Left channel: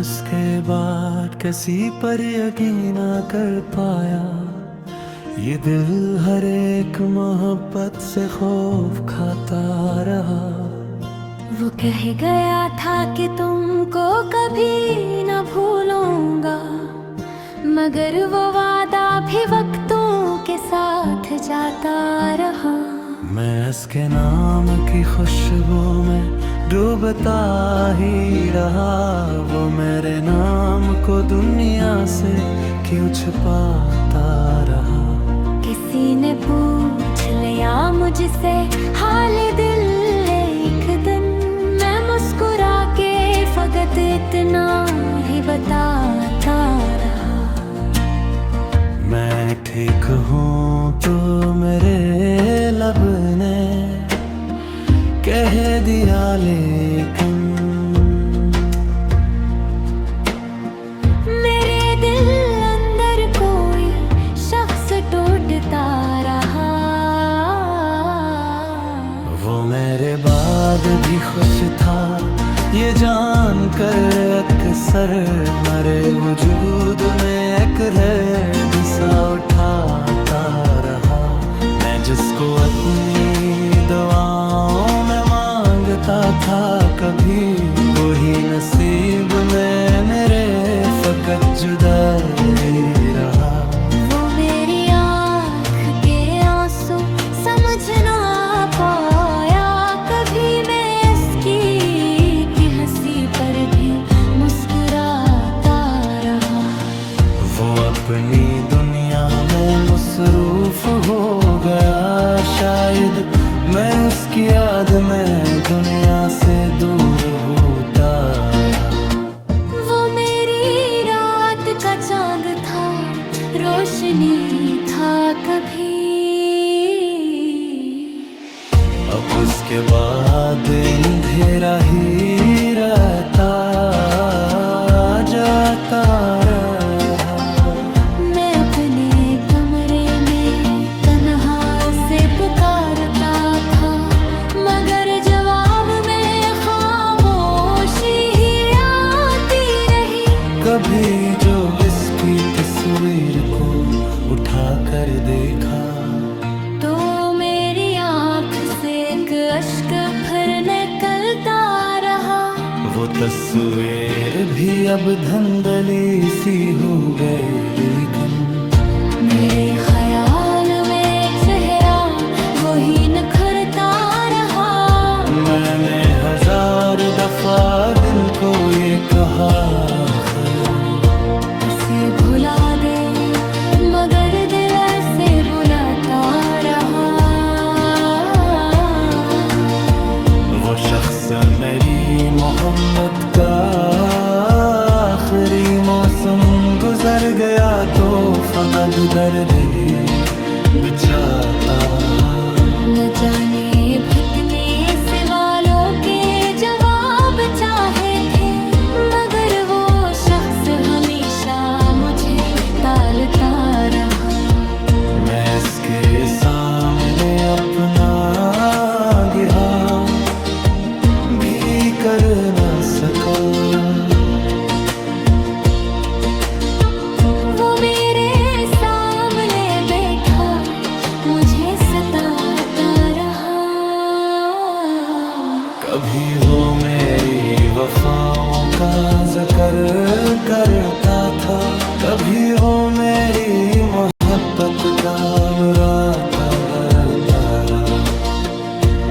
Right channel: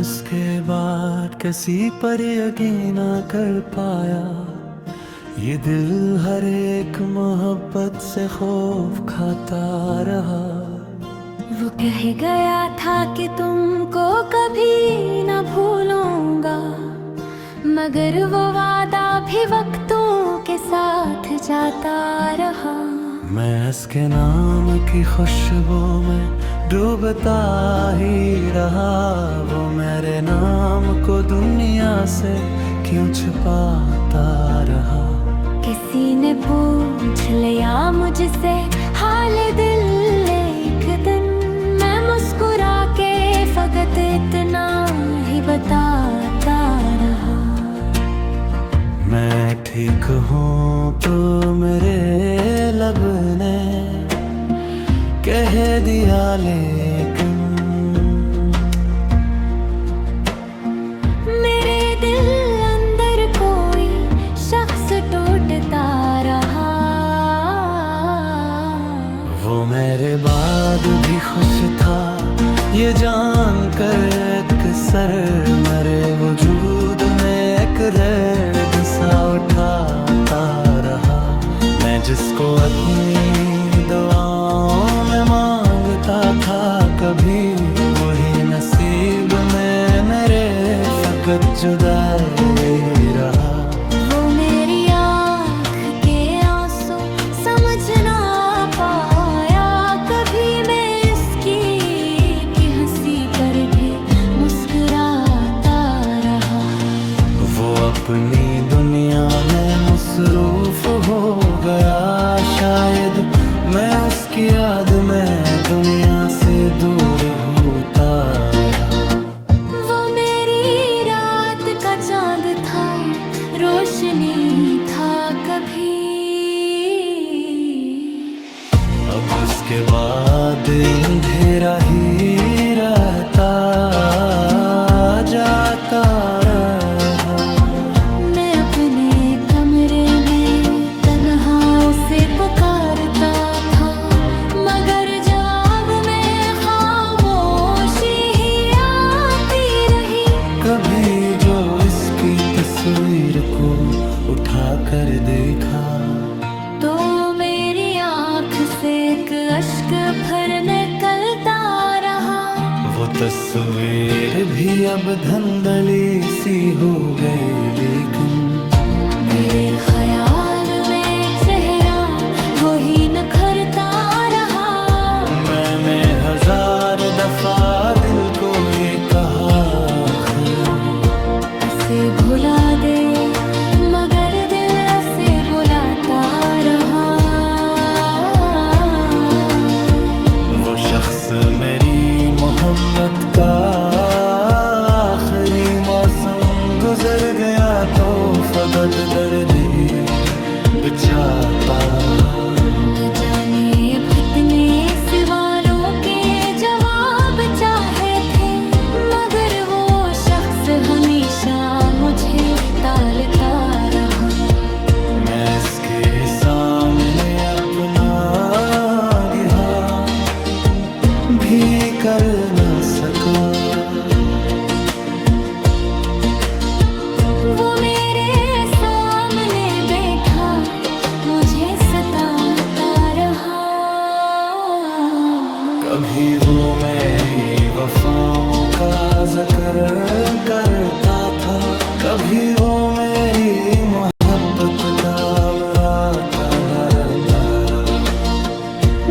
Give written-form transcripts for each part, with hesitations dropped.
इसके बाद किसी पर यकीन ना कर पाया। ये दिल हर एक मोहब्बत से खौफ खाता रहा। वो कह गया था कि तुमको कभी न भूलूंगा, मगर वो वादा भी वक्तों के साथ जाता रहा। मैं इसके नाम की खुशबू में डूबता ही रहा। वो मेरे नाम को दुनिया से क्यों छुपाता रहा। किसी ने पूछ लिया मुझसे हाल दिल, एक दिन मैं मुस्कुरा के फकत इतना ही बताता रहा। मैं ठीक हूँ तो मेरे लब ने कह दिया, लेकिन मेरे दिल अंदर कोई शख्स टूटता रहा। वो मेरे बाद भी खुश था ये जान कर, अक्सर मरे वजूद में एक दर्द सा उठाता रहा। मैं जिसको अपनी दुआओं में मांगता था, कभी वही नसीब में मेरे फकत जुदाई रहा। वो मेरी आँख के आंसू समझ ना पाया, कभी मैं इसकी की हंसी पर भी मुस्कुराता रहा। वो अपनी दुनिया में मसरूफ हो गया, शायद मैं उसकी याद में दुनिया से दूर होता रहा। वो मेरी रात का चांद था, रोशनी था कभी। अब उसके बाद अंधेरा ही रहता जाता रहा। मैं अपने कमरे में तन्हा उसे पुकारता था, मगर जवाब में खामोशी ही आती रही। कभी जो इसकी तस्वीर को उठा कर देखा, तो मेरी आँख से एक अश्क फिर निकलता रहा। वो तस्वीर भी अब धंधली सी हो गई, लेकिन मेरे ख्याल में चेहरा वही निखरता रहा। मैंने 1000 दफा दिल को ये कहा, इसे भुला दे, मगर दिल ऐसे बुलाता रहा। वो शख्स मेरी मोहब्बत का आखिरी मौसम गुजर गया, तो फकत दर्द ही बिछाता। न जाने भटने सवालों के जवाब चाहे थे, मगर वो शख्स हमेशा मुझे टालता रहा। मैं इसके सामने अपना गिहा भी कर न सका। वो मेरे सामने बैठा मुझे सताता रहा। कभी वो मेरी वफाओं का जिक्र करता था, कभी वो मेरी मोहब्बत का मराता करता रहा।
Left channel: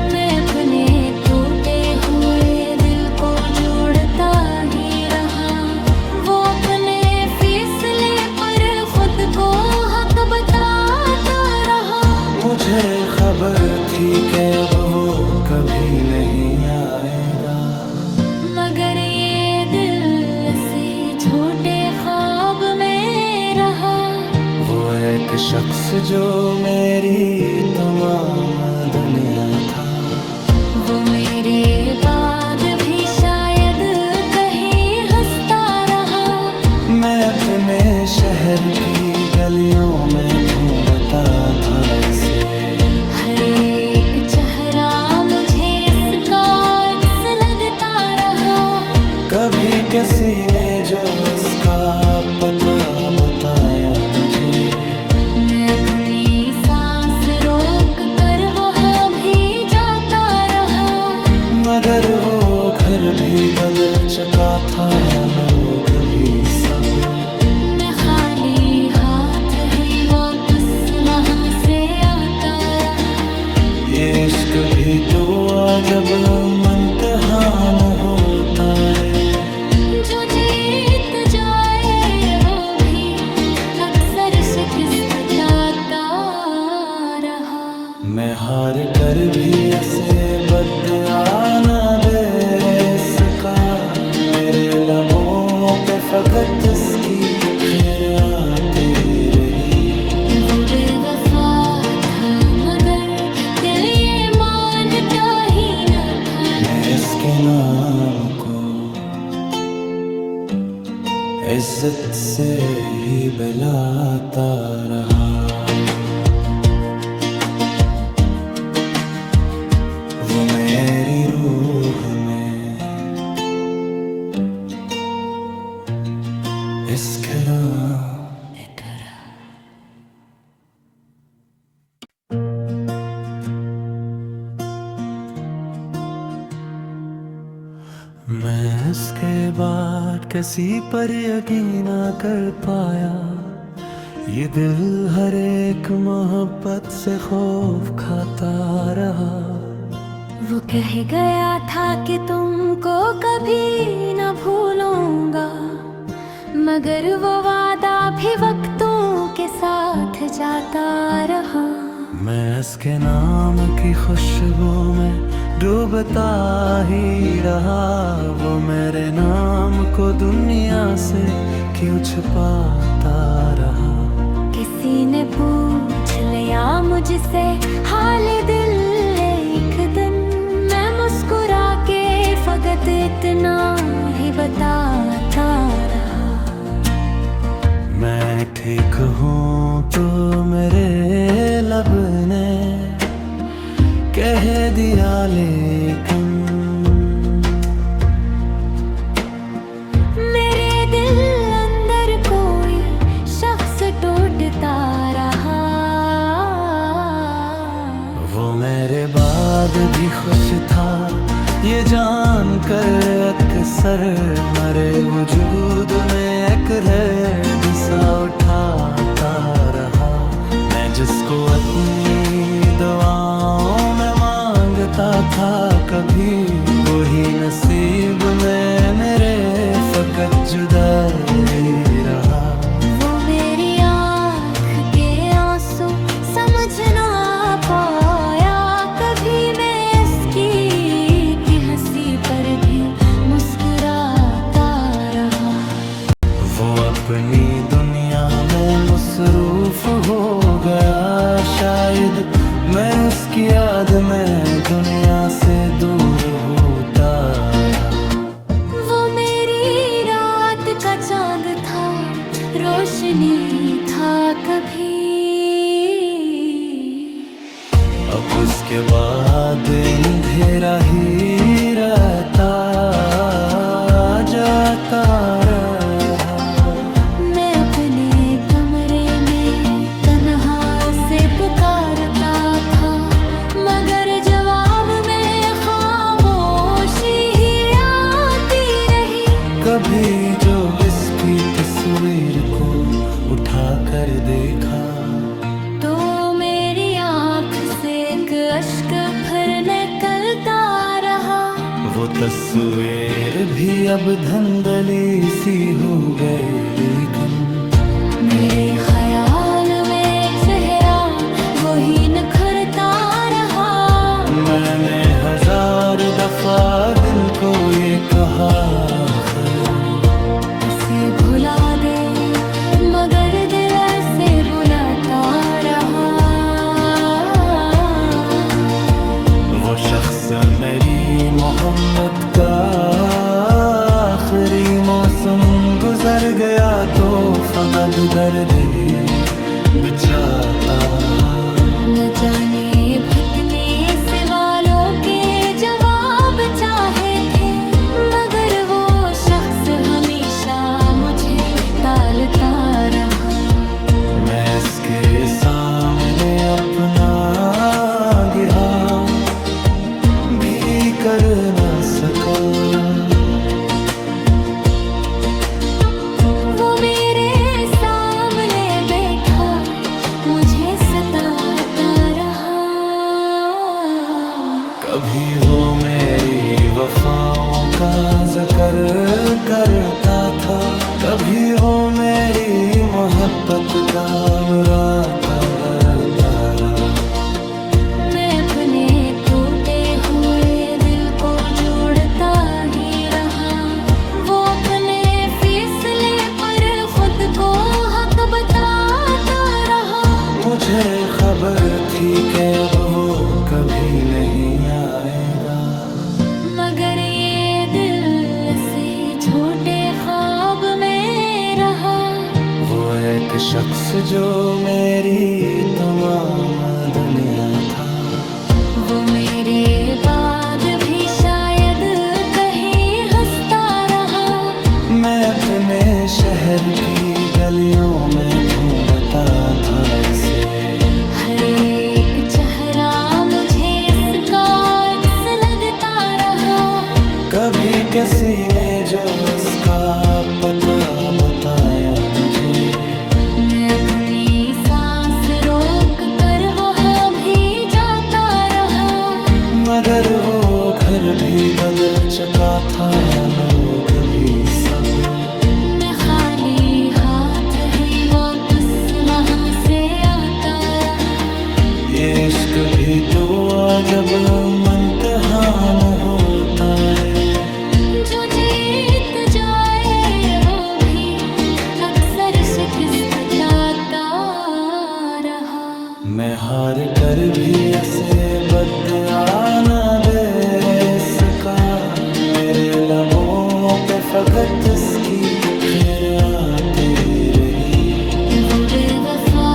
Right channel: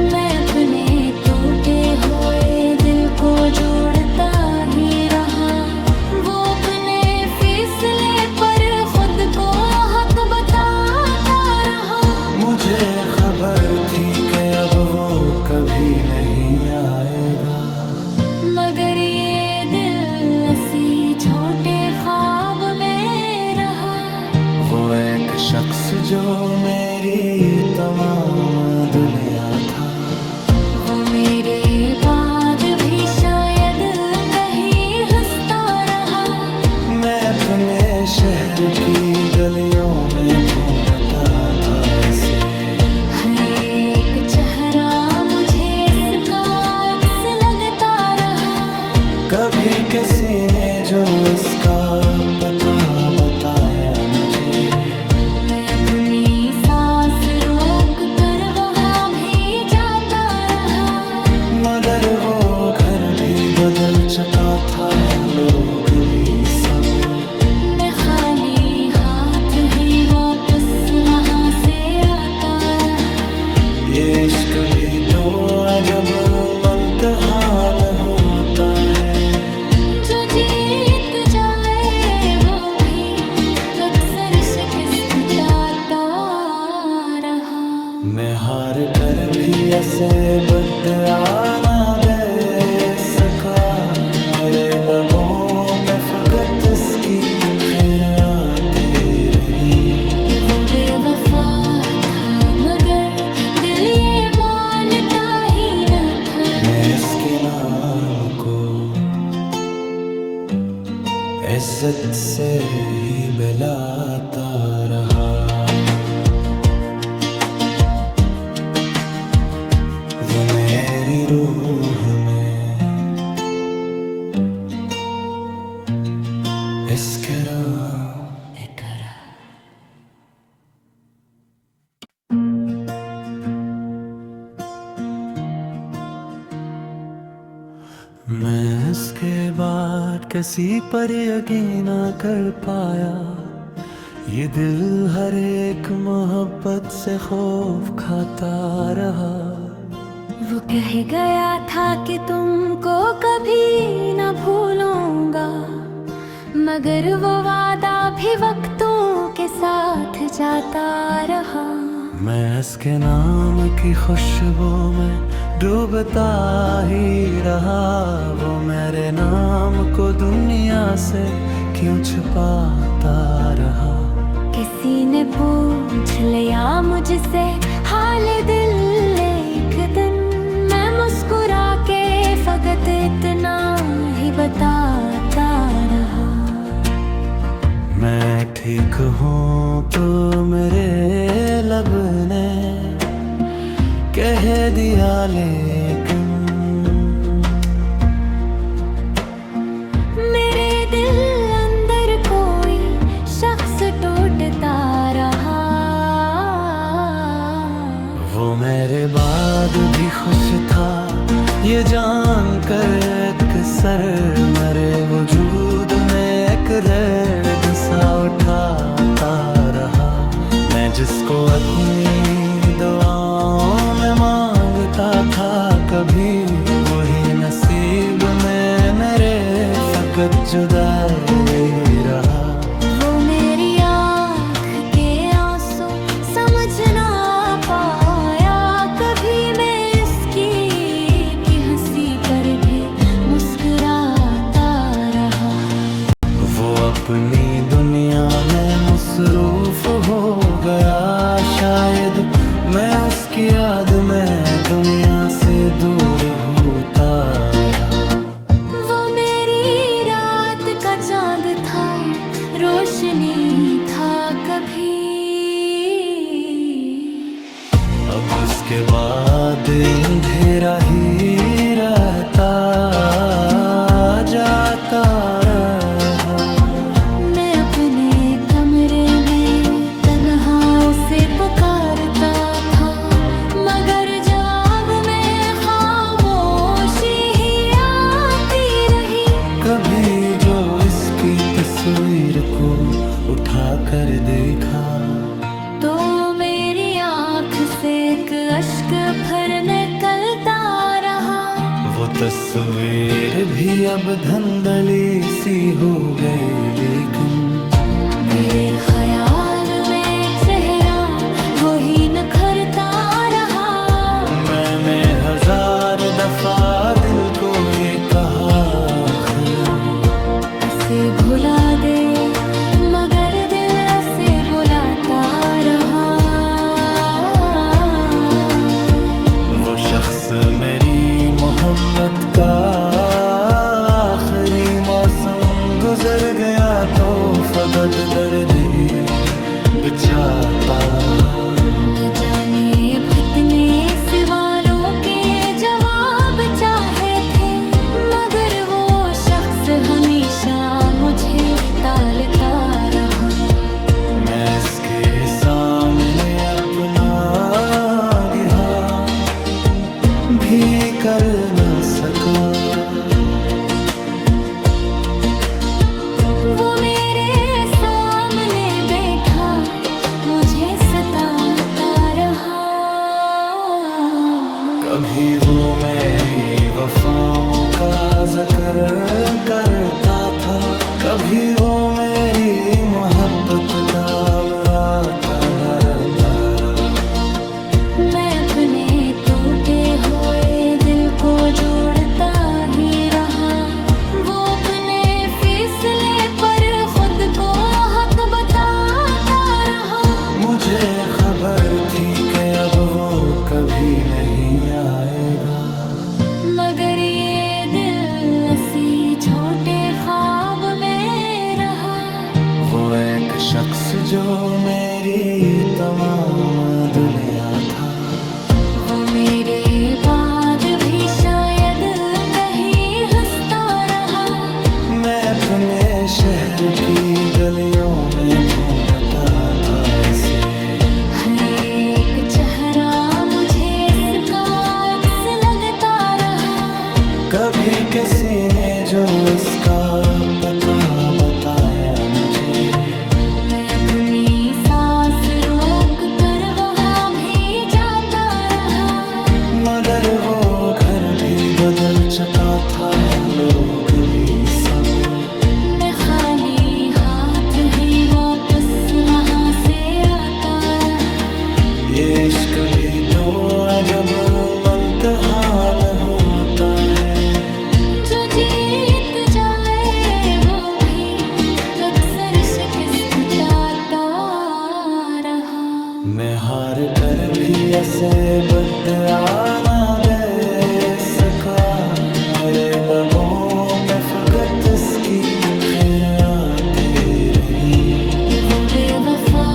मैं अपने टूटे हुए दिल को जोड़ता ही रहा। वो अपने फैसले पर खुद को हक बताता रहा। मुझे खबर थी कि अब वो कभी नहीं आएगा, मगर ये दिल इसी झूठे ख्वाब में रहा। वो एक शख्स जो मेरी तमाम दुनिया था। वो मेरे बाद भी शायद कहीं हंसता रहा। मैं अपने शहर की गलियों में ढूंढता था इसे। हर एक चेहरा मुझे इसका अक्स लगता रहा। कभी किसी ने जो इसका पता बताया मुझे, मैं अपनी सांस रोक कर वहाँ भी जाता रहा। मगर वो घर भी बदल चुका था, लोग भी सब। मैं खाली हाथ ही वापस वहाँ से आता रहा। ये इश्क भी तो अजब इम्तिहान होता है, जो जीत जाए वो भी अक्सर शिकस्त चाहता रहा। मैं हार कर भी ऐसे बदआ न दे सका, मेरे लबों पे फकत इसकी खैर आती रही। वो बेवफा था मगर दिल ये मानता ही न था। मैं इसके नाम को इज्जत से ही बुलाता रहा। वो मेरी रूह में इसके करा। मैं इसके बाद किसी पर यकीन ना कर पाया, ये दिल हर एक मोहब्बत से खौफ खाता रहा। वो कह गया था कि तुमको कभी न भूलूंगा, मगर वो वादा भी वक्तों के साथ जाता रहा। मैं इसके नाम की खुशबू में डूबता ही रहा। वो मेरे नाम को दुनिया से क्यों छुपाता रहा। किसी ने पूछ लिया मुझसे हाल दिल एक दिन, मैं मुस्कुरा के फकत इतना ही बताता रहा। मैं ठीक हूँ तो मेरे लब ने कह दिया, लेकिन मेरे दिल अंदर कोई शख्स टूटता रहा। वो मेरे बाद भी खुश था ये जान कर, अक्सर मरे वजूद में एक दर्द सा उठाता रहा। मैं जिसको अपनी दुआओं में मांगता था, कभी वही नसीब में मेरे फकत जुदाई रहा। वो मेरी आँख के आंसू समझ ना पाया, कभी मैं इसकी की हंसी पर भी मुस्कुराता रहा। वो अपनी दुनिया में मसरूफ हो गया, शायद मैं उसकी याद में दुनिया से दूर होता रहा। वो मेरी रात का चांद था, रोशनी था कभी। अब उसके बाद अंधेरा ही रहता जाता रहा। मैं अपने कमरे में तन्हा उसे पुकारता था, मगर जवाब में खामोशी ही आती रही। कभी जो इसकी तस्वीर को उठा कर देखा, तो मेरी आँख से एक अश्क फिर निकलता रहा। वो तस्वीर भी अब धंधली सी हो गई, लेकिन मेरे ख्याल में चेहरा वही निखरता रहा। मैंने 1000 दफा दिल को ये कहा, उसे भुला दे, मगर दिल ऐसे बुलाता रहा। वो शख्स मेरी मोहब्बत का आखिरी मौसम गुजर गया, तो फकत दर्द ही बिछाता। न जाने भटने सवालों के जवाब चाहे थे, मगर वो मुझे टालता रहा। मैं इसके सामने अपना गिहा भी कर न सका। वो मेरे सामने बैठा मुझे सताता रहा। कभी वो मेरी वफाओं का जिक्र करता था, कभी वो मेरी मोहब्बत का मुरादा करता रहा। मैं अपने टूटे हुए दिल को जोड़ता ही रहा। वो अपने फैसले पर खुद को हक बताता रहा। मुझे खबर थी कि अब वो कभी नहीं आएगा, मगर ये दिल इसी झूठे ख्वाब में रहा। वो एक शख्स जो मेरी तमाम दुनिया था। वो मेरे बाद भी शायद कहीं हंसता रहा। मैं अपने शहर की गलियों में ढूंढता था इसे। हर एक चेहरा मुझे इसका अक्स लगता रहा। कभी किसी ने जो इसका पता बताया मुझे। मैं अपनी सांस रोक कर वहाँ भी जाता रहा। मगर वो घर भी बदल चुका था, लोग भी सब। मैं खाली हाथ ही वापस वहाँ से आता रहा। ये इश्क भी तो अजब इम्तिहान होता है। जो जीत जाए वो भी अक्सर शिकस्त खाता रहा। मैं हार कर भी ऐसे बदआ न दे सका। मेरे लबों पे फकत इसकी खैर आती रही। वो बेवफा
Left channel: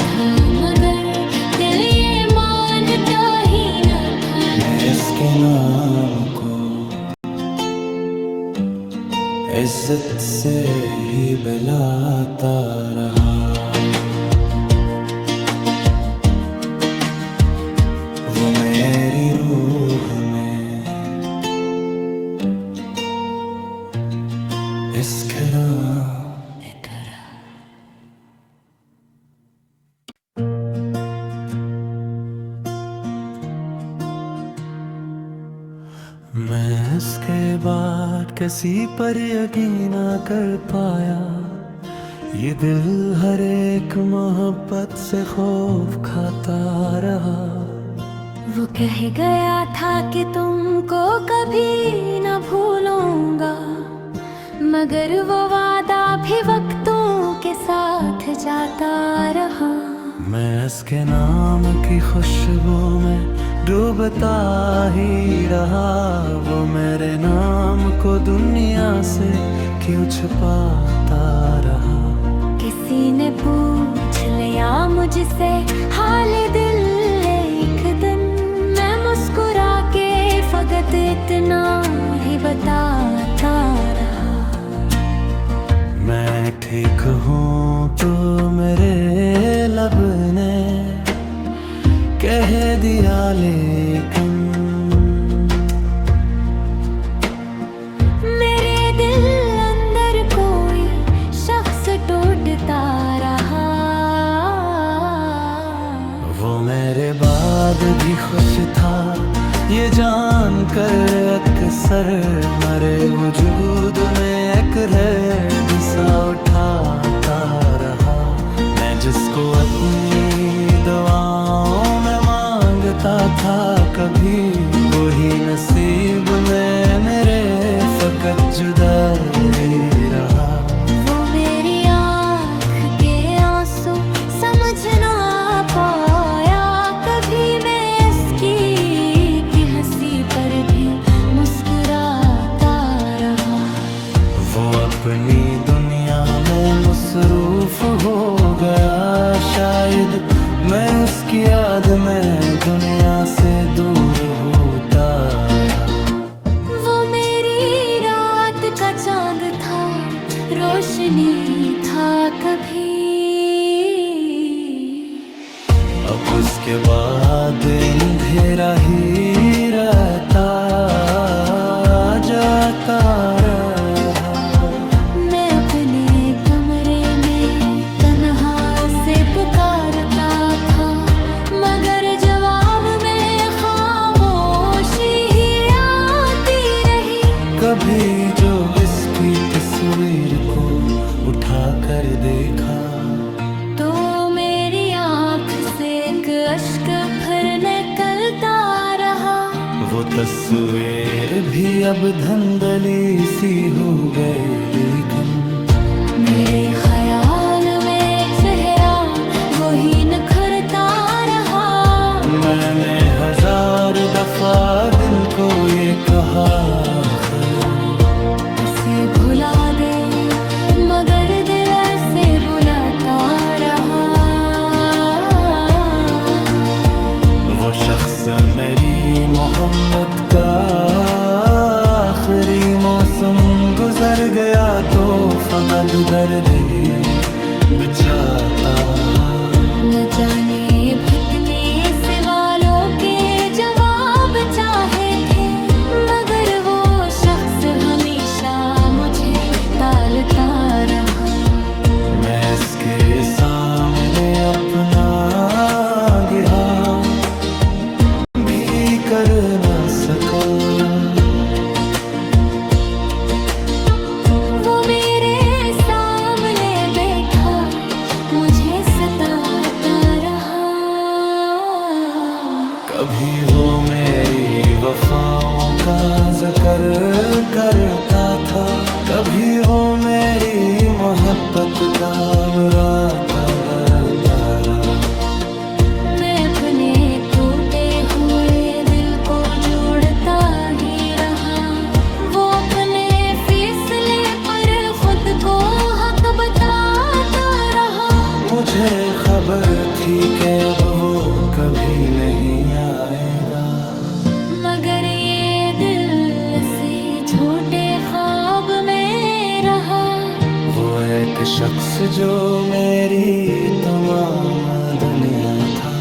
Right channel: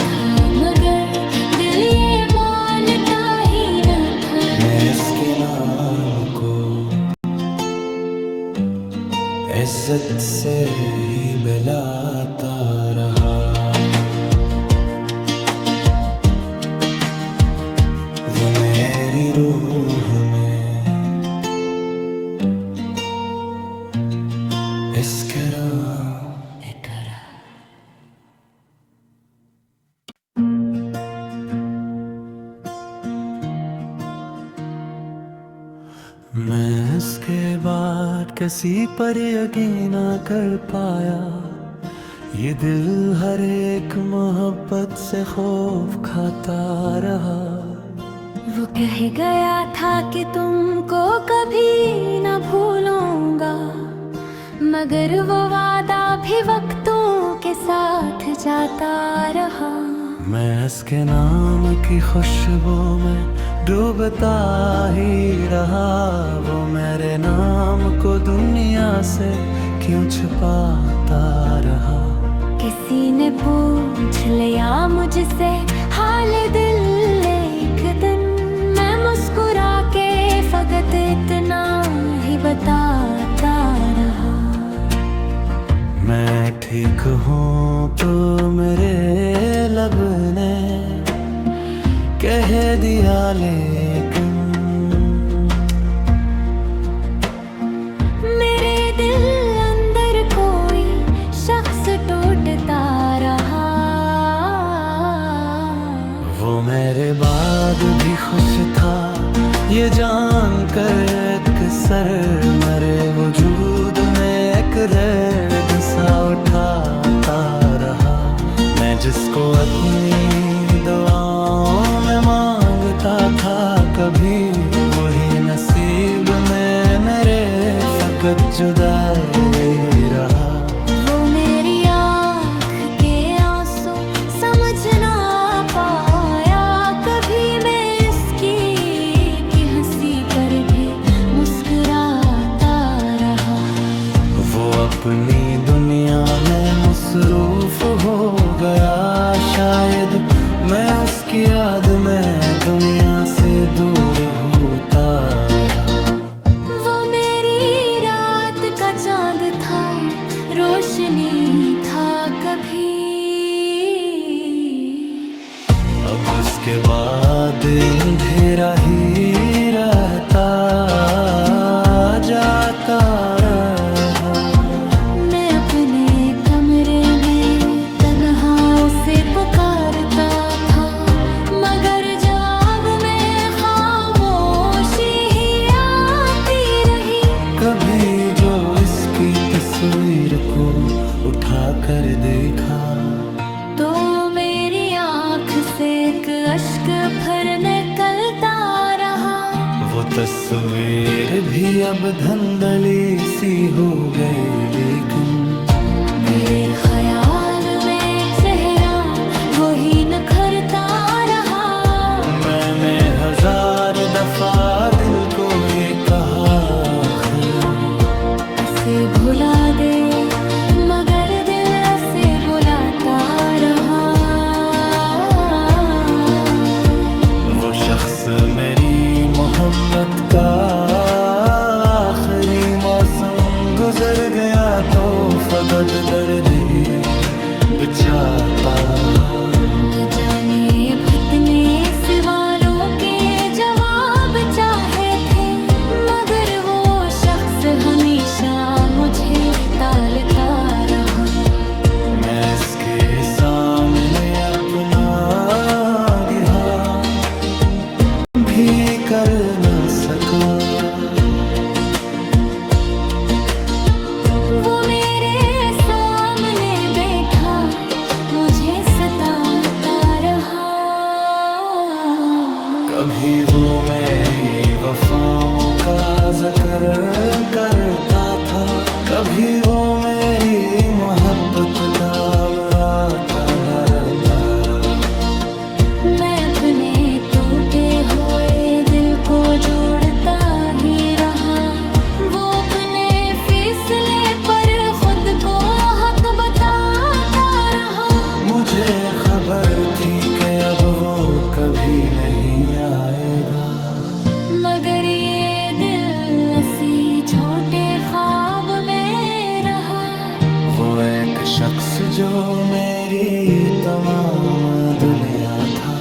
था मगर दिल ये मानता ही न था। मैं इसके नाम को इज्जत से ही बुलाता रहा। वो मेरी रूह में इसकरा मैं इसके बाद किसी पर यकीन ना कर पाया। ये दिल हर एक मोहब्बत से खौफ खाता रहा। वो कह गया था कि तुमको कभी न भूलूंगा, मगर वो वादा भी वक्तों के साथ जाता रहा। मैं इसके नाम की खुशबू में डूबता ही रहा। वो मेरे नाम को दुनिया से क्यों छुपाता रहा। किसी ने पूछ लिया मुझसे हाल दिल एक दिन। मैं मुस्कुरा के फकत इतना ही बताता रहा। मैं ठीक हूँ तो मेरे लब ने कह दिया, लेकिन मेरे दिल अंदर कोई शख्स टूटता रहा। वो मेरे बाद भी खुश था ये जान कर अक्सर मरे वजूद में एक दर्द सा उठाता रहा। मैं जिसको अपनी दुआओं में मांगता था, कभी वही नसीब में मेरे फकत जुदाई रहा। वो मेरी आँख के आंसू समझ ना पाया कभी। मैं इसकी की हंसी पर भी मुस्कुराता रहा। वो अपनी दुनिया में मसरूफ हो गया। शायद मैं उसकी याद में दुनिया से दूर होता रहा। वो मेरी रात का चांद था, रोज रोशनी था कभी। अब उसके बाद अंधेरा ही रहता जाता रहा। मैं अपने कमरे में तन्हा उसे पुकारता था, मगर जवाब में खामोशी ही आती रही। कभी जो इसकी तस्वीर को उठा कर देखा, तो मेरी आँख से एक अश्क फिर निकलता रहा। वो तस्वीर भी अब धंधली सी हो गई, लेकिन मेरे ख्याल में चेहरा वही निखरता रहा। मैंने 1000 दफा दिल को ये कहा, ऐसे भुला दे, मगर दिल ऐसे बुलाता रहा। वो शख्स मेरी मोहब्बत का आखिरी मौसम गुजर गया, तो फकत दर्द ही बिछाता। न जाने भटने सवालों के जवाब चाहे थे, मगर वो शख्स हमेशा मुझे टालता रहा। मैं इसके सामने अपना गिरा भी कर न सका। वो मेरे सामने बैठा मुझे सताता रहा। कभी वो मेरी वफाओं का जिक्र करता था, कभी वो मेरी मोहब्बत का मुरादा करता रहा। मैं अपने टूटे हुए दिल को जोड़ता ही रहा। वो अपने फैसले पर खुद को हक बताता रहा। मुझे खबर थी कि अब वो कभी नहीं आएगा, मगर ये दिल ऐसी झूठे ख्वाब में रहा। वो एक शख्स जो मेरी तमाम दुनिया था।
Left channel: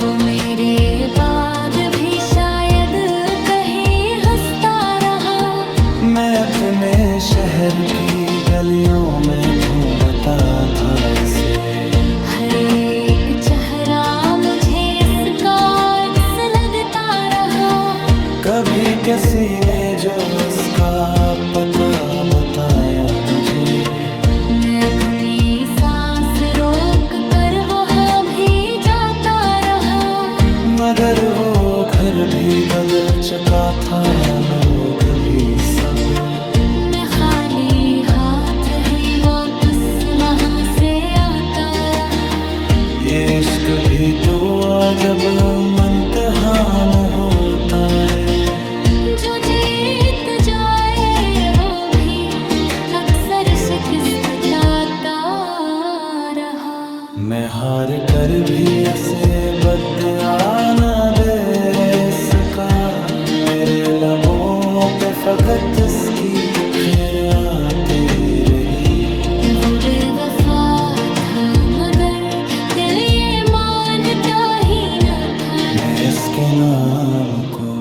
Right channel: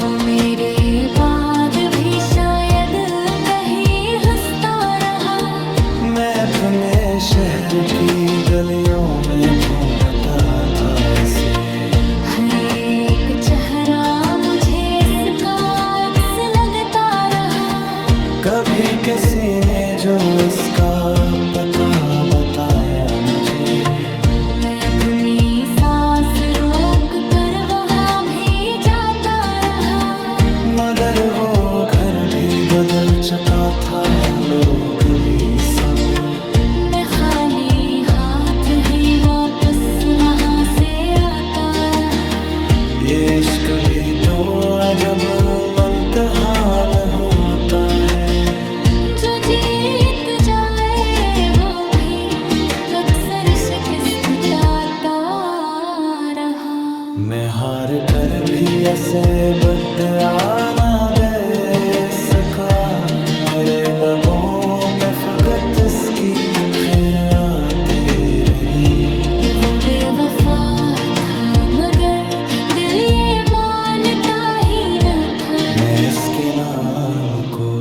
वो मेरे बाद भी शायद कहीं हंसता रहा। मैं अपने शहर की गलियों में ढूंढता था इसे, हर एक चेहरा मुझे इसका अक्स लगता रहा। कभी किसी ने जो इसका पता बताया मुझे। मैं अपनी सांस रोक कर वहाँ भी जाता रहा, मगर वो घर भी बदल चुका था, लोग भी सब। मैं खाली हाथ ही वापस वहाँ से आता रहा। ये इश्क भी तो जब इम्तिहान होता है, जो जीत जाए वो भी अक्सर शिकस्त पाता रहा। मैं हार कर भी ऐसे बदआ न दे सका। मेरे लबों पे फकत इसकी खैर आती रही। वो बेवफा था मगर दिल ये मानता ही न था। मैं इसके नाम को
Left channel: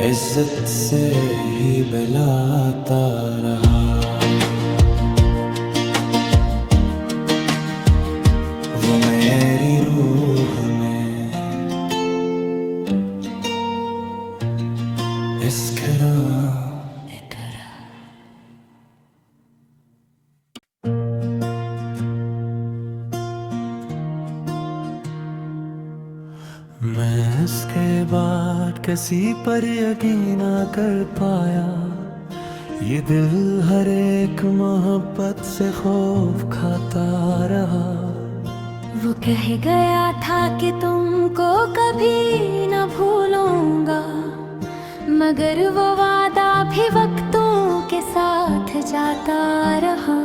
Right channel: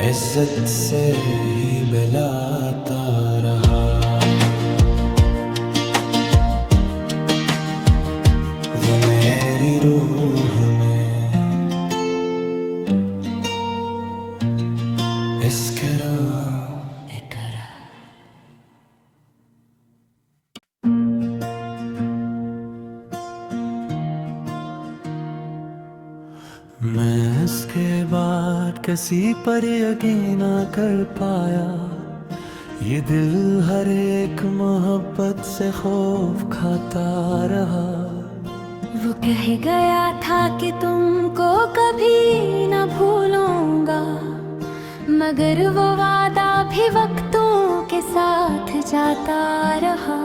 इज्जत से ही बुलाता रहा। वो मेरी रूह में इसकरा करा। मैं इसके बाद किसी पर यकीन ना कर पाया। ये दिल हर एक मोहब्बत से खौफ खाता रहा। वो कह गया था कि तुमको कभी न भूलूंगा, मगर वो वादा भी वक्तों के साथ जाता रहा।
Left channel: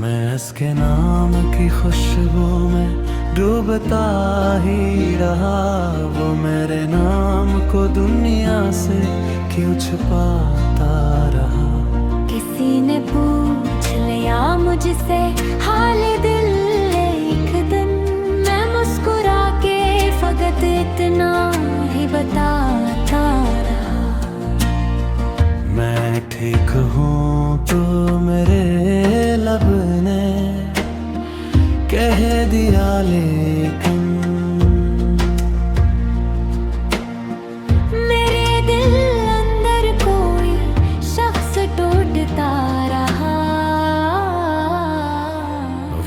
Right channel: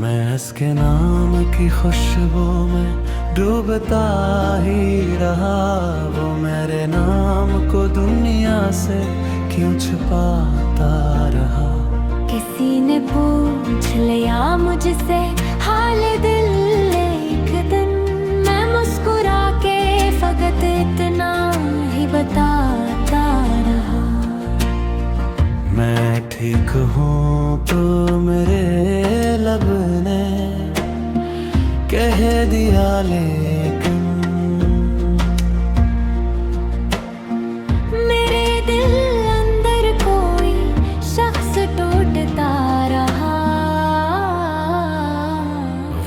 मैं इसके नाम की खुशबू में डूबता ही रहा। वो मेरे नाम को दुनिया से क्यों छुपाता रहा। किस किसी ने पूछ लिया मुझसे हाल दिल एक दिन, मैं मुस्कुरा के फकत इतना ही बताता रहा। मैं ठीक हूँ तो मेरे लब ने कह दिया, लेकिन मेरे दिल अंदर कोई शख्स टूटता रहा।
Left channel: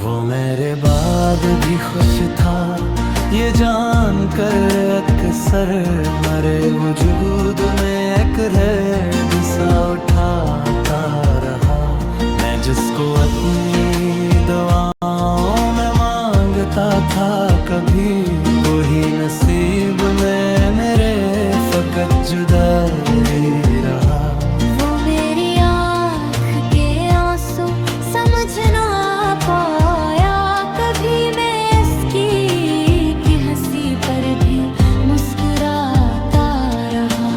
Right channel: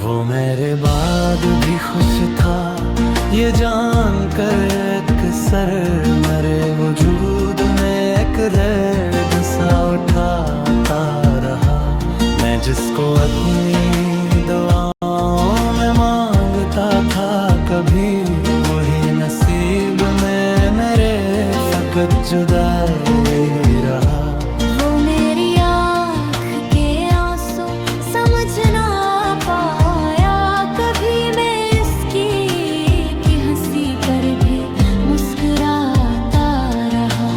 वो मेरे बाद भी खुश था ये जानकर, अक्सर मरे वजूद में एक दर्द सा उठाता रहा। मैं जिसको अपनी दुआओं में मांगता था, कभी वही नसीब में मेरे फकत जुदाई रहा। वो मेरी आँख के आंसू समझ ना पाया, कभी मैं इसकी की हंसी पर भी मुस्कुराता रहा।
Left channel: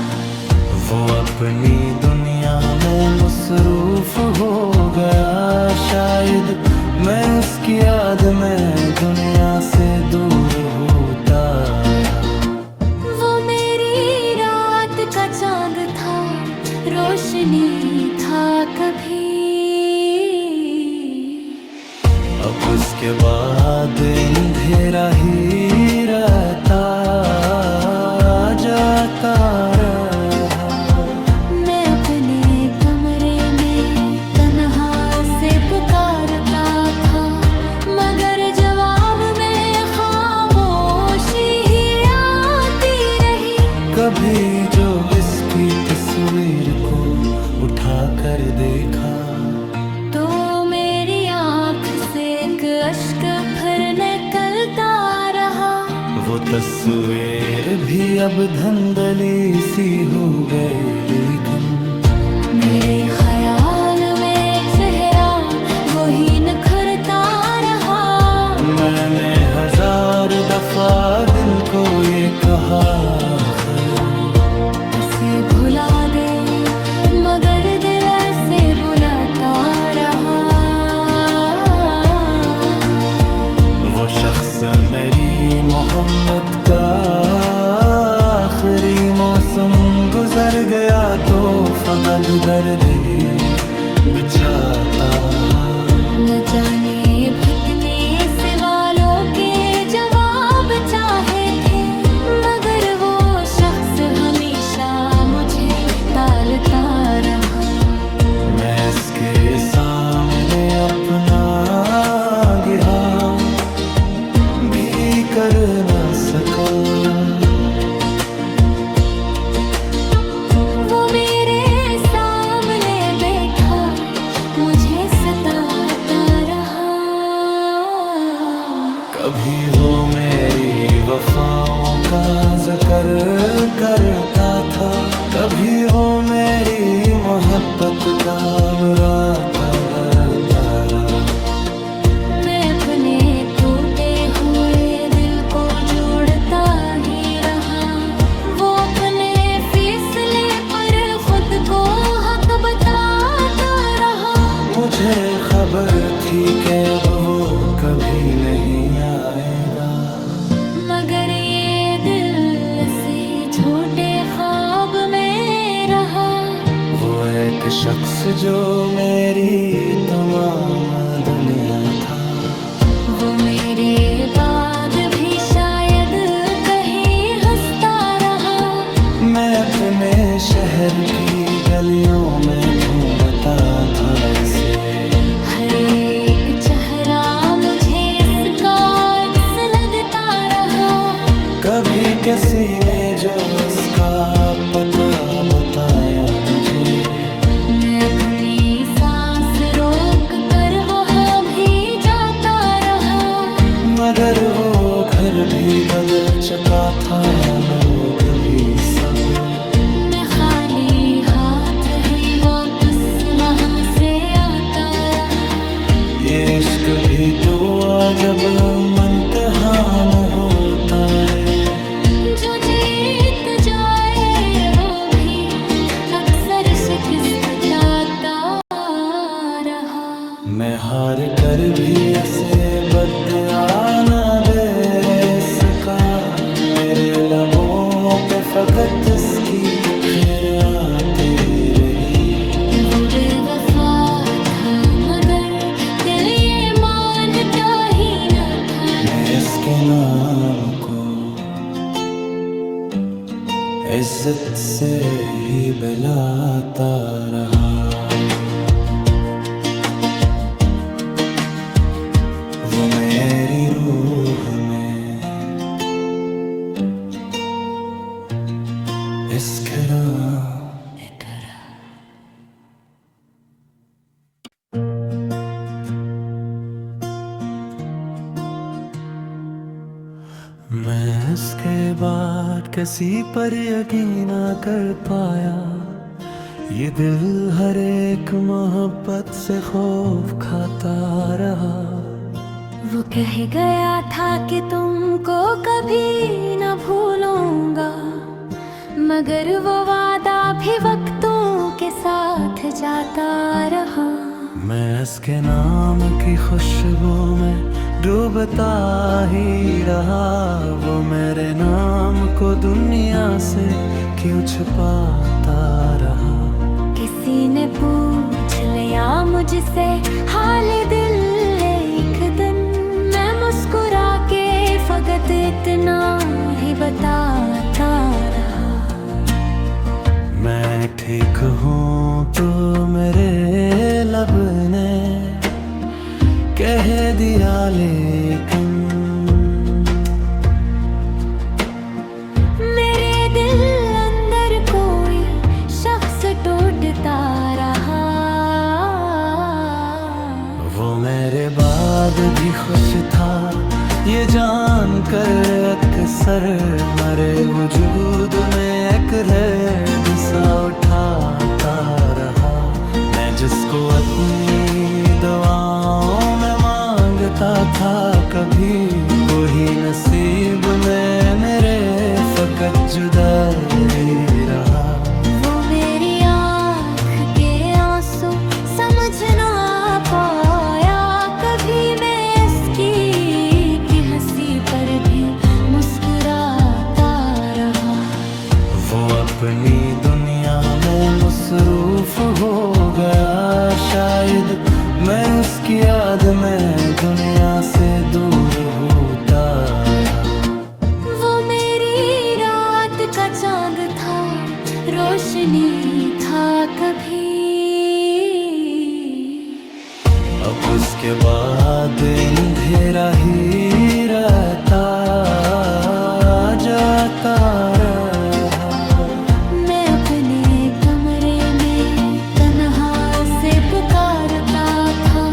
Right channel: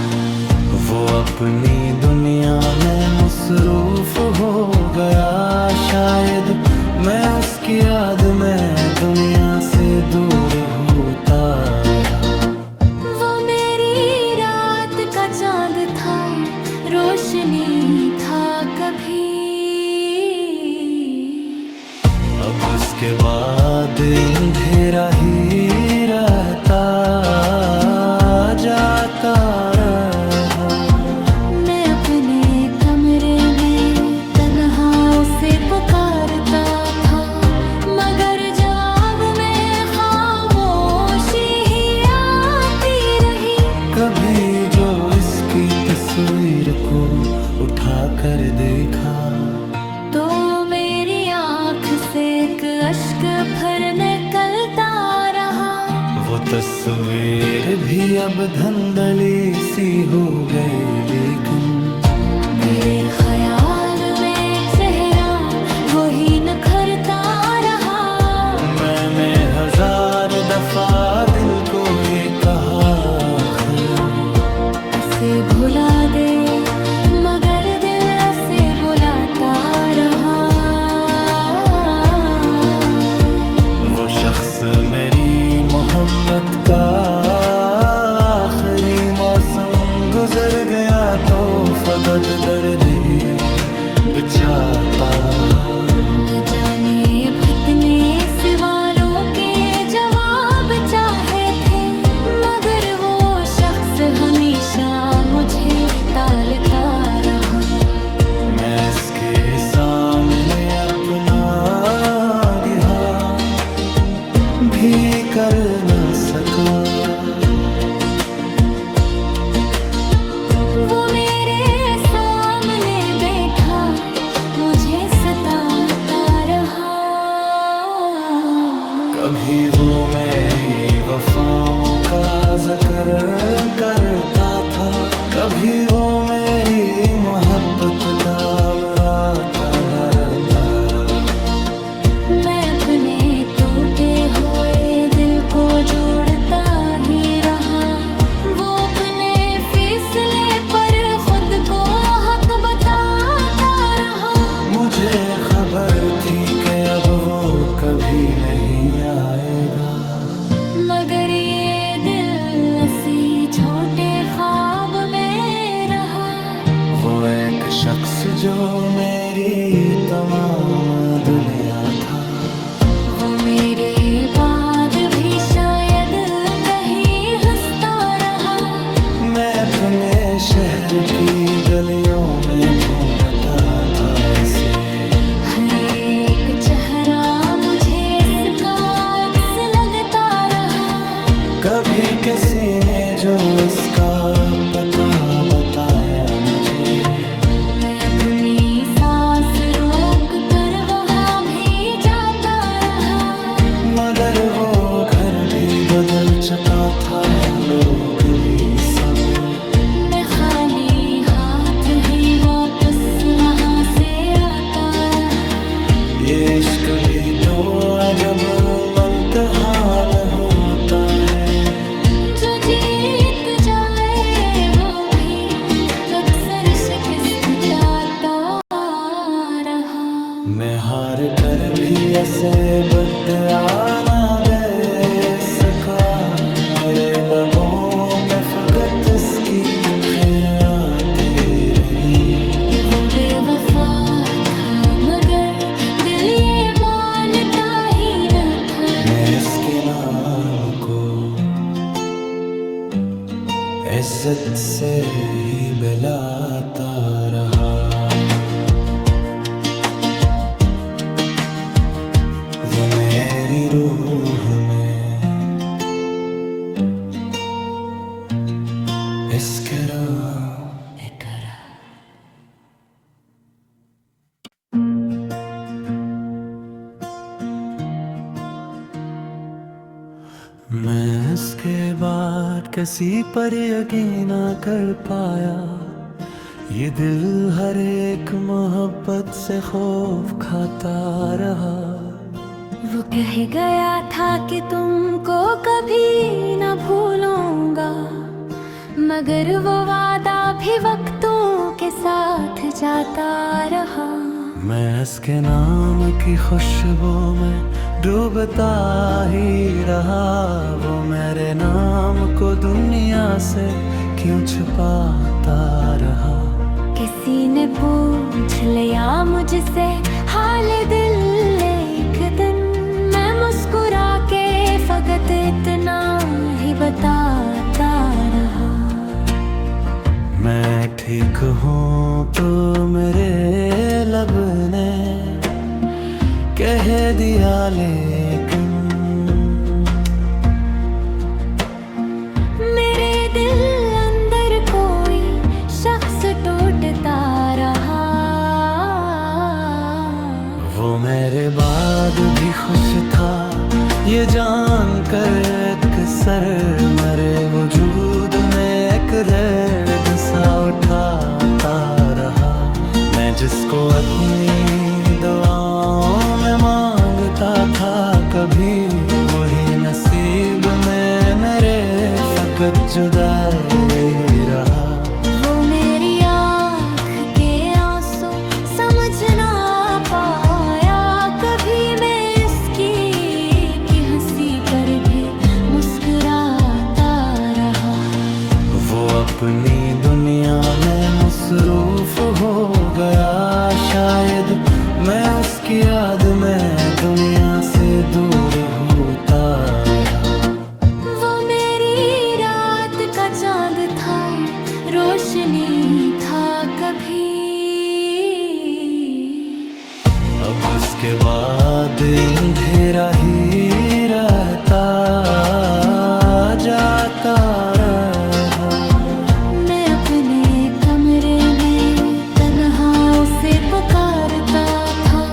वो अपनी दुनिया में मसरूफ हो गया, शायद मैं उसकी याद में दुनिया से दूर होता रहा। वो मेरी रात का चांद था, रोशनी था कभी। अब उसके बाद अंधेरा ही रहता जाता रहा। मैं अपने कमरे में तन्हा उसे पुकारता था, मगर जवाब में खामोशी ही आती रही। कभी जो इसकी तस्वीर को उठा कर देखा, तो मेरी आँख से एक अश्क फिर निकलता रहा। वो तस्वीर भी अब धंधली सी हो गई, लेकिन मेरे ख्याल में चेहरा वही निखरता रहा। मैंने 1000 दफा दिल को ये कहा, ऐसे भुला दे, मगर दिल ऐसे बुलाता रहा। वो शख्स मेरी मोहब्बत का आखिरी मौसम गुजर गया, तो फकत दर्द ही बिछाता। न जाने भटकने सवालों के जवाब चाहे थे, मगर वो शख्स हमेशा मुझे टालता रहा। मैं इसके सामने अपना गिरा भी कर न सका। वो मेरे सामने बैठा मुझे सताता रहा। कभी वो मेरी वफाओं का जिक्र करता था, कभी वो मेरी मोहब्बत का मुरादा करता रहा। मैं अपने टूटे हुए दिल को जोड़ता ही रहा। वो अपने फैसले पर खुद को हक बताता रहा। मुझे खबर थी कि अब वो कभी नहीं आएगा, मगर ये दिल इसी झूठे ख्वाब में रहा। वो एक शख्स जो मेरी तमाम दुनिया था। वो मेरे बाद भी शायद कहीं हंसता रहा। मैं अपने शहर की गलियों में ढूंढता था इसे, हर एक चेहरा मुझे इसका अक्स लगता रहा। कभी किसी ने जो इसका पता बताया मुझे, मैं अपनी सांस रोक कर वहाँ भी जाता रहा। मगर वो घर भी बदल चुका था, लोग भी सब। मैं खाली हाथ ही वापस वहाँ से आता रहा। ये इश्क भी तो जब इम्तिहान होता है, जो जीत जाए वो भी अक्सर शिकस्त चाहता मैं हार कर भी ऐसे बदआ ना दे सका। मेरे लबों पे फकत इसकी खैर आती रही। वो बेवफा था मगर दिल ये मानता ही न था। मैं इसके नाम को इज्जत से ही बुलाता रहा। वो मेरी रूह में इसकरा करा। मैं इसके बाद किसी पर यकीन ना कर पाया। ये दिल हर एक मोहब्बत से खौफ खाता रहा। वो कह गया था कि तुमको कभी न भूलूंगा, मगर वो वादा भी वक्तों के साथ जाता रहा। मैं इसके नाम की खुशबू में डूबता ही रहा। वो मेरे नाम को दुनिया से क्यों छुपाता रहा। किसी ने पूछ लिया मुझसे हाल दिल एक दिन, मैं मुस्कुरा के फकत इतना ही बताता रहा। मैं ठीक हूँ तो मेरे लब ने कह दिया, लेकिन मेरे दिल अंदर कोई शख्स टूटता रहा। वो मेरे बाद भी खुश था ये जान कर अक्सर मरे वजूद में एक दर्द सा उठाता रहा। मैं जिसको अपनी दुआओं में मांगता था, कभी वही नसीब में मेरे फकत जुदाई रहा। वो मेरी आँख के आंसू समझ ना पाया, कभी मैं इसकी की हंसी पर भी मुस्कुराता रहा। वो अपनी दुनिया में मसरूफ हो गया, शायद मैं उसकी याद में दुनिया से दूर होता रहा। वो मेरी रात का चांद था, रोशनी था कभी। अब उसके बाद अंधेरा ही रहता जाता रहा। मैं अपने कमरे में तन्हा उसे पुकारता था,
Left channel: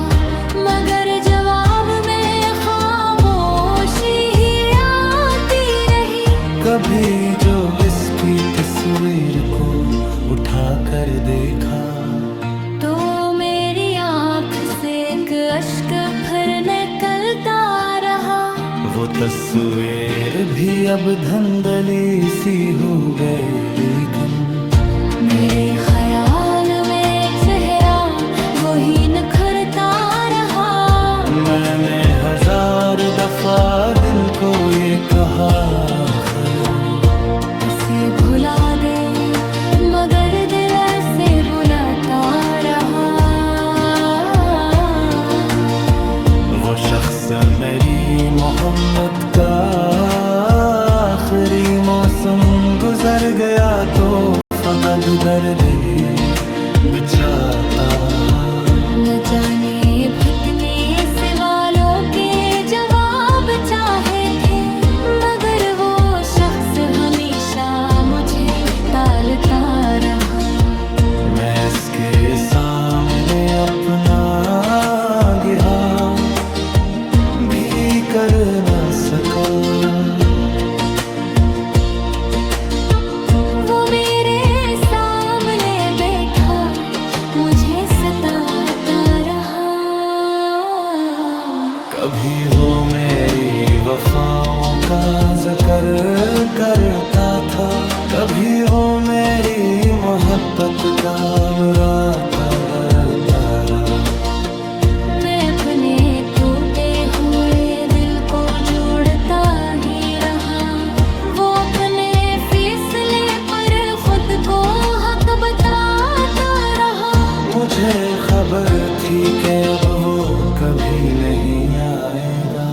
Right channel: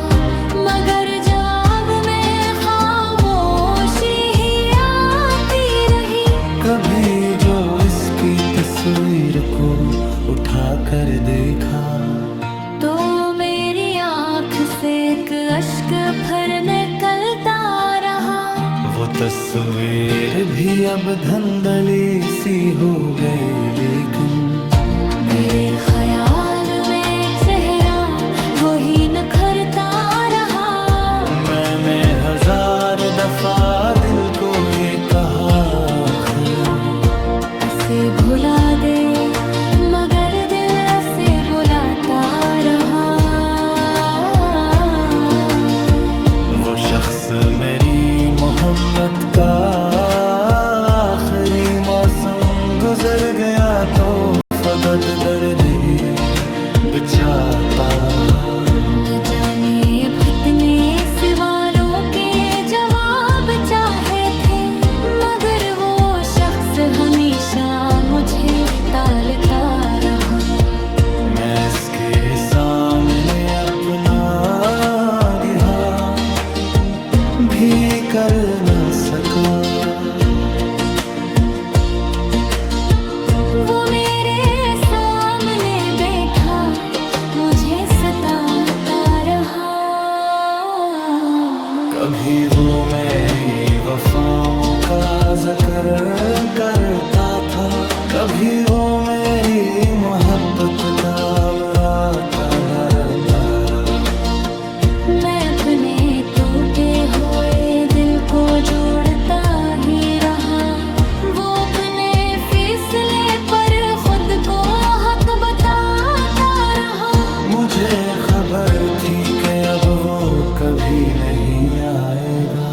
मगर जवाब में खामोशी ही आती रही। कभी जो इसकी तस्वीर को उठा कर देखा, तो मेरी आँख से एक अश्क फिर निकलता रहा। वो तस्वीर भी अब धंधली सी हो गई, लेकिन मेरे ख्याल में चेहरा वही निखरता रहा। मैंने 1000 दफा दिल को ये कहा, उसे भुला दे, मगर दिल ऐसे बुलाता रहा। वो शख्स मेरी मोहब्बत का आखिरी मौसम गुजर गया, तो फकत दर्द ही बिछाता। न जाने भटने सवालों के जवाब चाहे थे, मगर वो शख्स हमेशा मुझे टालता रहा। मैं इसके सामने अपना गिहा भी कर न सका। वो मेरे सामने बैठा मुझे सताता रहा। कभी वो मेरी वफाओं का जिक्र करता था, कभी वो मेरी मोहब्बत का मुराता करता रहा। मैं अपने टूटे हुए दिल को जोड़ता ही रहा। वो अपने फैसले पर खुद को हक बताता रहा। मुझे खबर थी कि अब वो कभी नहीं आएगा,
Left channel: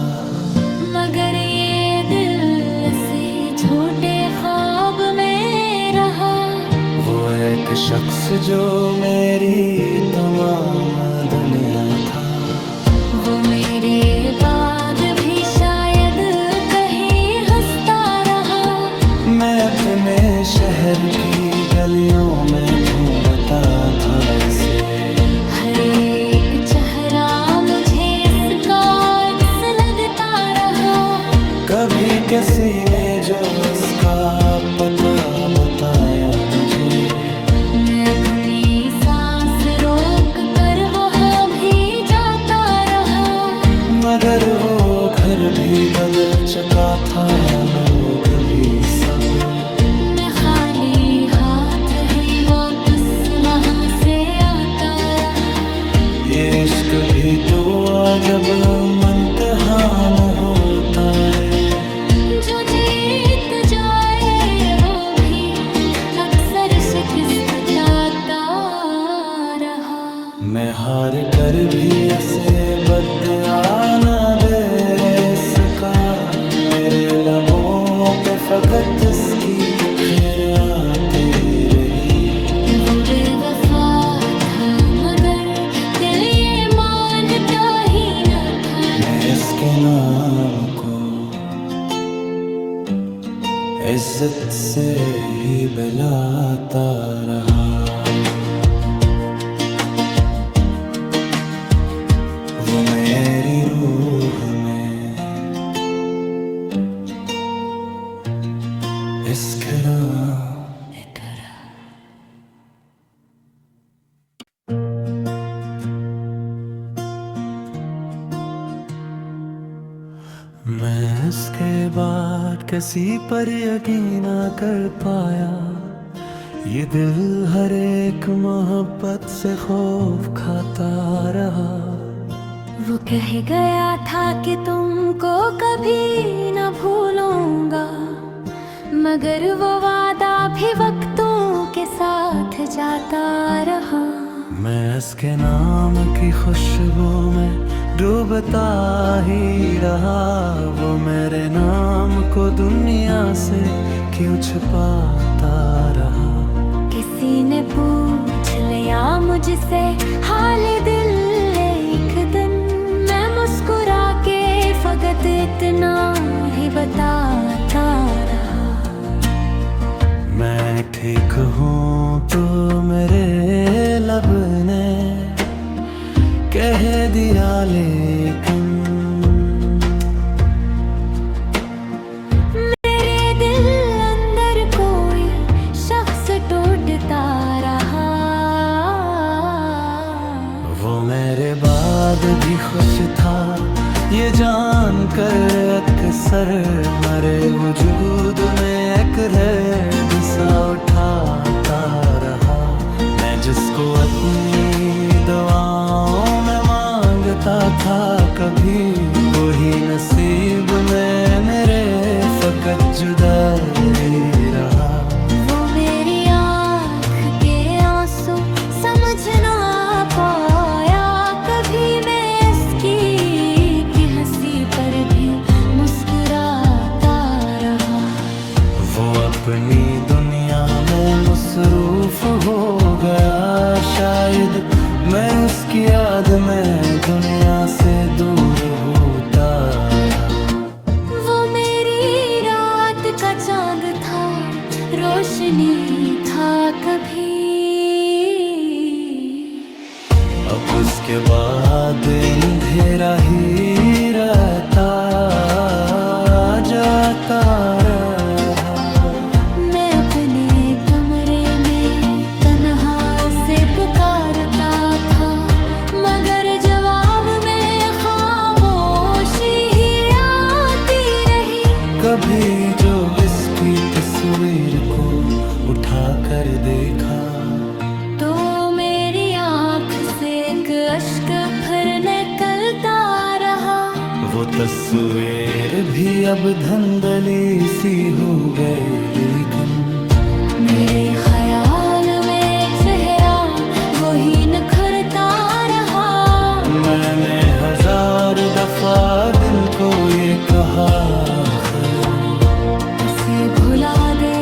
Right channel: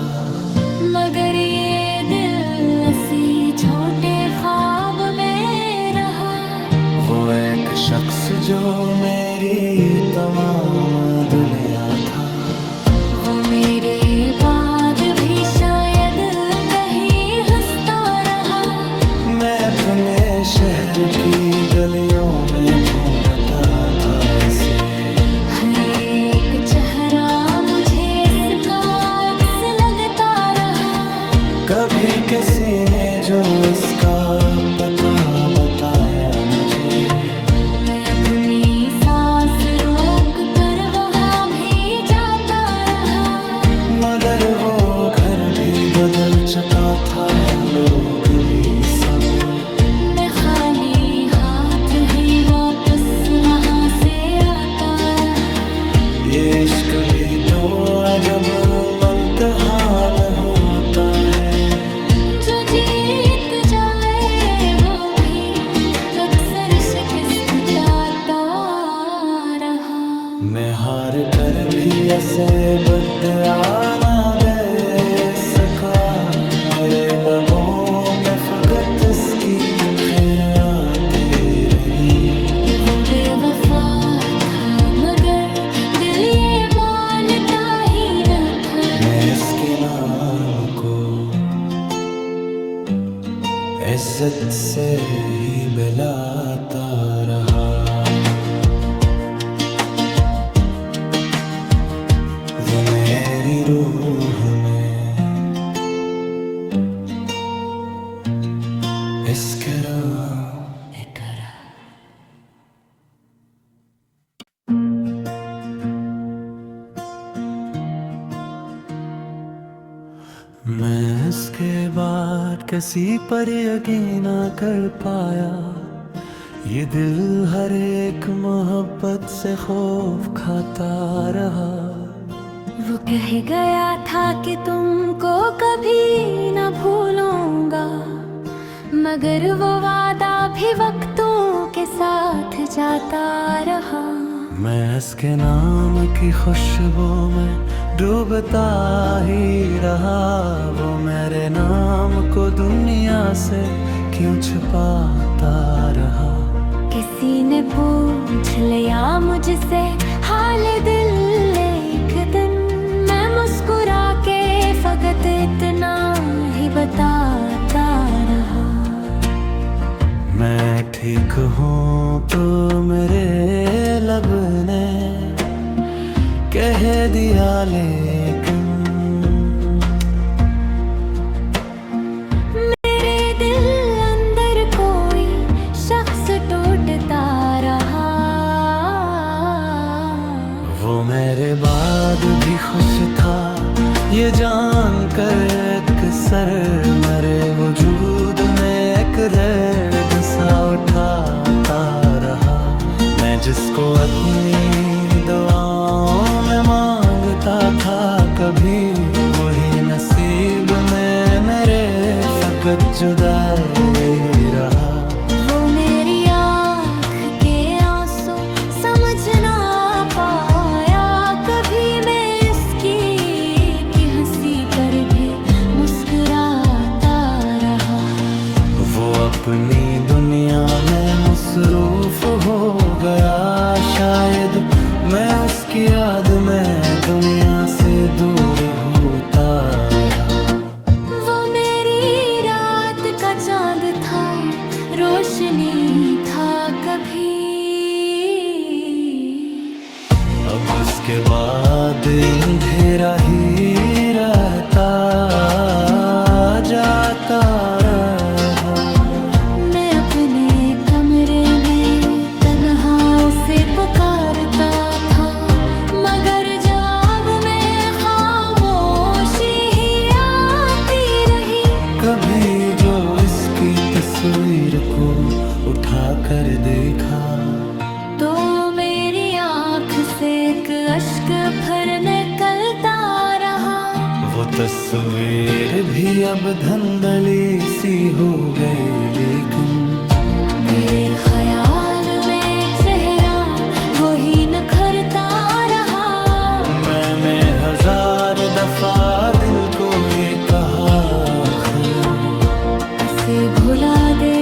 मगर ये दिल इसी झूठे ख्वाब में रहा। वो एक शख्स जो मेरी तमाम दुनिया था। वो मेरे बाद भी शायद कहीं हंसता रहा। मैं अपने शहर की गलियों में ढूंढता था इसे। हर एक चेहरा मुझे इसका अक्स लगता रहा। कभी किसी ने जो इसका पता बताया मुझे। मैं अपनी सांस रोक कर वहाँ भी जाता रहा। मगर वो घर भी बदल चुका था, लोग भी सब। मैं खाली हाथ ही वापस वहाँ से आता रहा। ये इश्क भी तो अजब इम्तिहान होता है। जो जीत जाए वो भी अक्सर शिकस्त पाता रहा। मैं हार कर भी ऐसे बदआ न दे सका। मेरे लबों पे फकत इसकी खैर आती रही। वो बेवफा था मगर दिल ये मानता ही न था। मैं इसके नाम को इज्जत से ही बुलाता रहा। वो मेरी रूह में इश्क करा। मैं इसके बाद किसी पर यकीन ना कर पाया। ये दिल हर एक मोहब्बत से खौफ खाता रहा। वो कह गया था कि तुमको कभी न भूलूंगा, मगर वो वादा भी वक्तों के साथ जाता रहा। मैं इसके नाम की खुशबू में डूबता ही रहा। वो मेरे नाम को दुनिया से क्यों छुपाता रहा। किसी ने पूछ लिया मुझसे हाल दिल एक दिन। मैं मुस्कुरा के फकत इतना ही बताता रहा। मैं ठीक हूँ तो मेरे लब ने कह दिया, लेकिन मेरे दिल अंदर कोई शख्स टूटता रहा। वो मेरे बाद भी खुश था ये जान कर अक्सर मरे वजूद में एक दर्द सा उठाता रहा। मैं जिसको अपनी दुआओं में मांगता था, कभी वही नसीब में मेरे फकत जुदाई रहा। वो मेरी आँख के आंसू समझ ना पाया कभी। मैं इसकी की हंसी पर भी मुस्कुराता रहा। वो अपनी दुनिया में मसरूफ हो गया। शायद मैं उसकी याद में दुनिया से दूर होता रहा। वो मेरी रात का चांद था, रोशनी था कभी। अब उसके बाद अंधेरा ही रहता जाता रहा। मैं अपने कमरे में तन्हा उसे पुकारता था, मगर जवाब में खामोशी ही आती रही। कभी जो इसकी तस्वीर को उठा कर देखा, तो मेरी आँख आँख से एक अश्क फिर निकलता रहा। वो तस्वीर भी अब धंधली सी हो गई, लेकिन मेरे ख्याल में चेहरा वही निखरता रहा। मैंने 1000 दफा दिल को ये कहा, ऐसे भुला दे,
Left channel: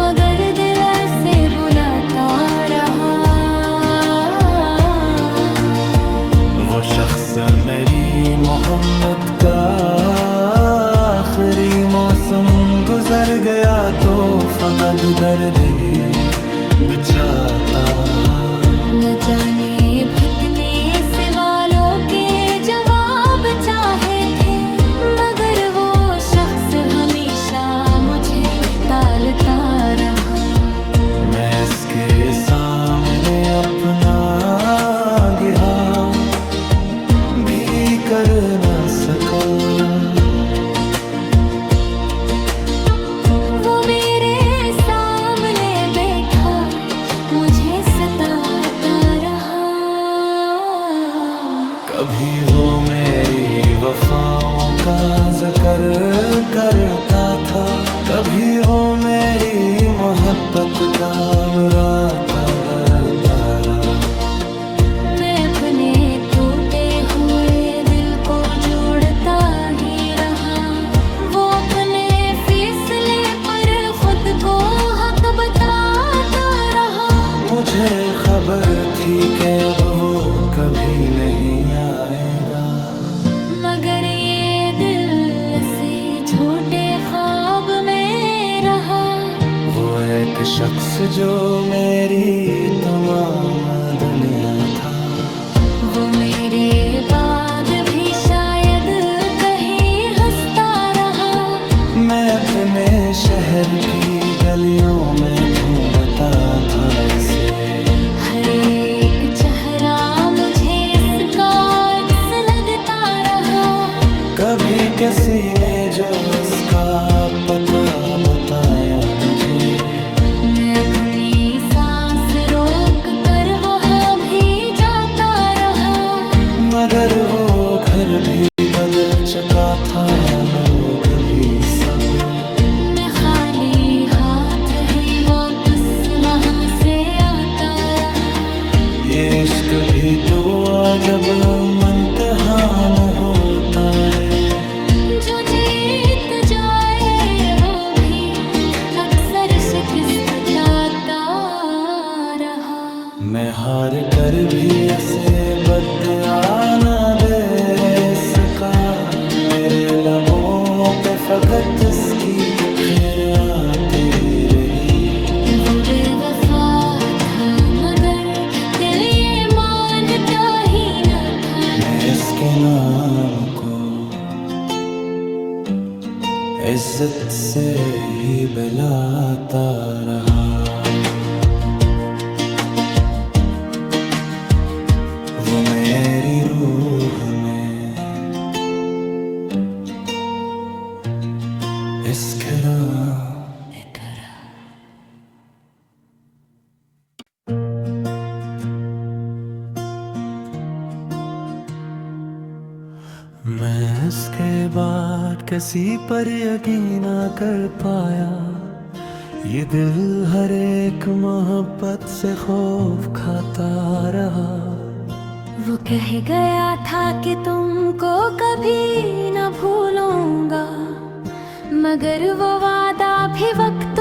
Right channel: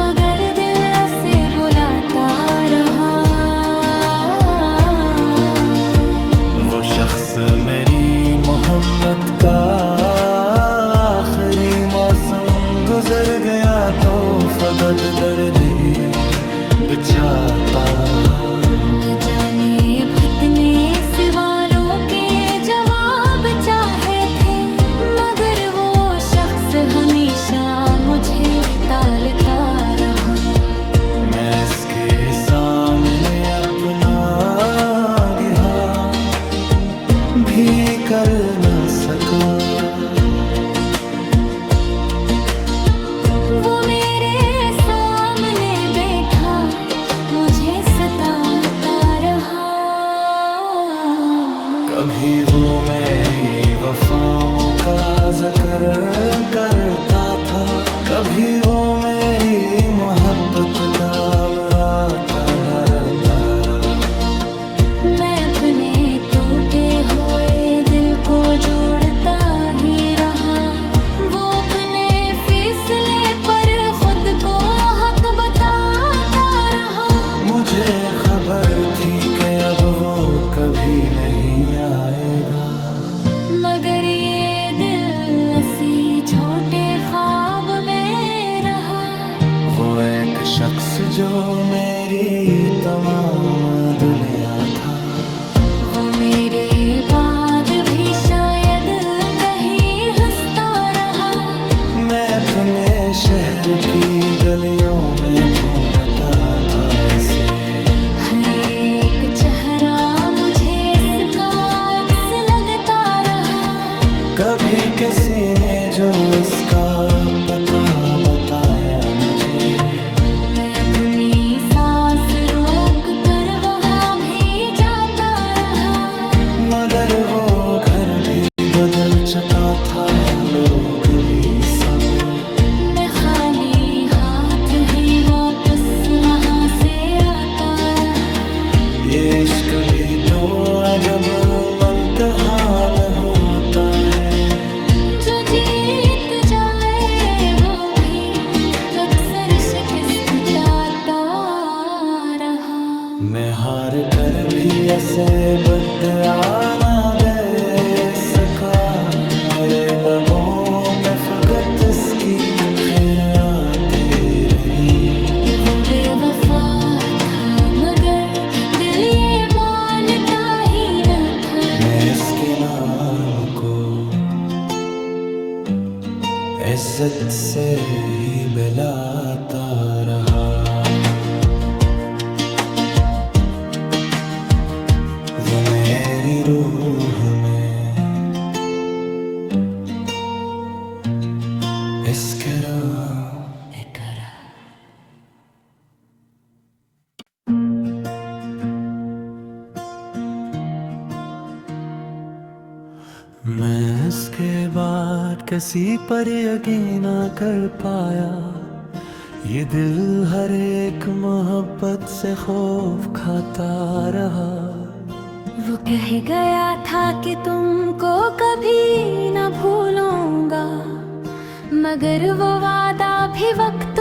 मगर दिल ऐसे बुलाता रहा। वो शख्स मेरी मोहब्बत का आखिरी मौसम गुजर गया तो फकत दर्द ही बिछाता। न जाने भटने सवालों के जवाब चाहे थे, मगर वो शख्स हमेशा मुझे टालता रहा। मैं इसके सामने अपना गिहा भी कर न सका। वो मेरे सामने बैठा मुझे सताता रहा। कभी वो मेरी वफाओं का जिक्र करता था, कभी वो मेरी मोहब्बत का मुरादा करता रहा। मैं अपने टूटे हुए दिल को जोड़ता ही रहा। वो अपने फैसले पर खुद को हक बताता रहा। मुझे खबर थी कि अब वो कभी नहीं आएगा, मगर ये दिल इसी झूठे ख्वाब में रहा। वो एक शख्स जो मेरी तमाम दुनिया था। वो मेरे बाद भी शायद कहीं हंसता रहा। मैं अपने शहर की गलियों में ढूंढता था इसे। हर एक चेहरा मुझे इसका अक्स लगता रहा। कभी किसी ने जो इसका पता बताया मुझे। मैं अपनी सांस रोक कर वहाँ भी जाता रहा। मगर वो घर भी बदल चुका था, लोग भी सब। मैं खाली हाथ ही वापस वहाँ से आता रहा। ये इश्क भी तो अजब इम्तिहान होता है। जो जीत जाए वो भी अक्सर शिकस्त पाता रहा। मैं हार कर भी ऐसे बदआ न दे सका। मेरे लबों पे फकत इसकी खैर आती रही। वो बेवफा था मगर दिल ये मानता ही न था। मैं इसके नाम को इज्जत से ही बुलाता रहा। वो मेरी रूह में इश्क करा। मैं इसके बाद किसी पर यकीन ना कर पाया। ये दिल हर एक मोहब्बत से खौफ खाता रहा। वो कह गया था कि तुमको कभी न भूलूंगा, मगर वो वादा भी वक्त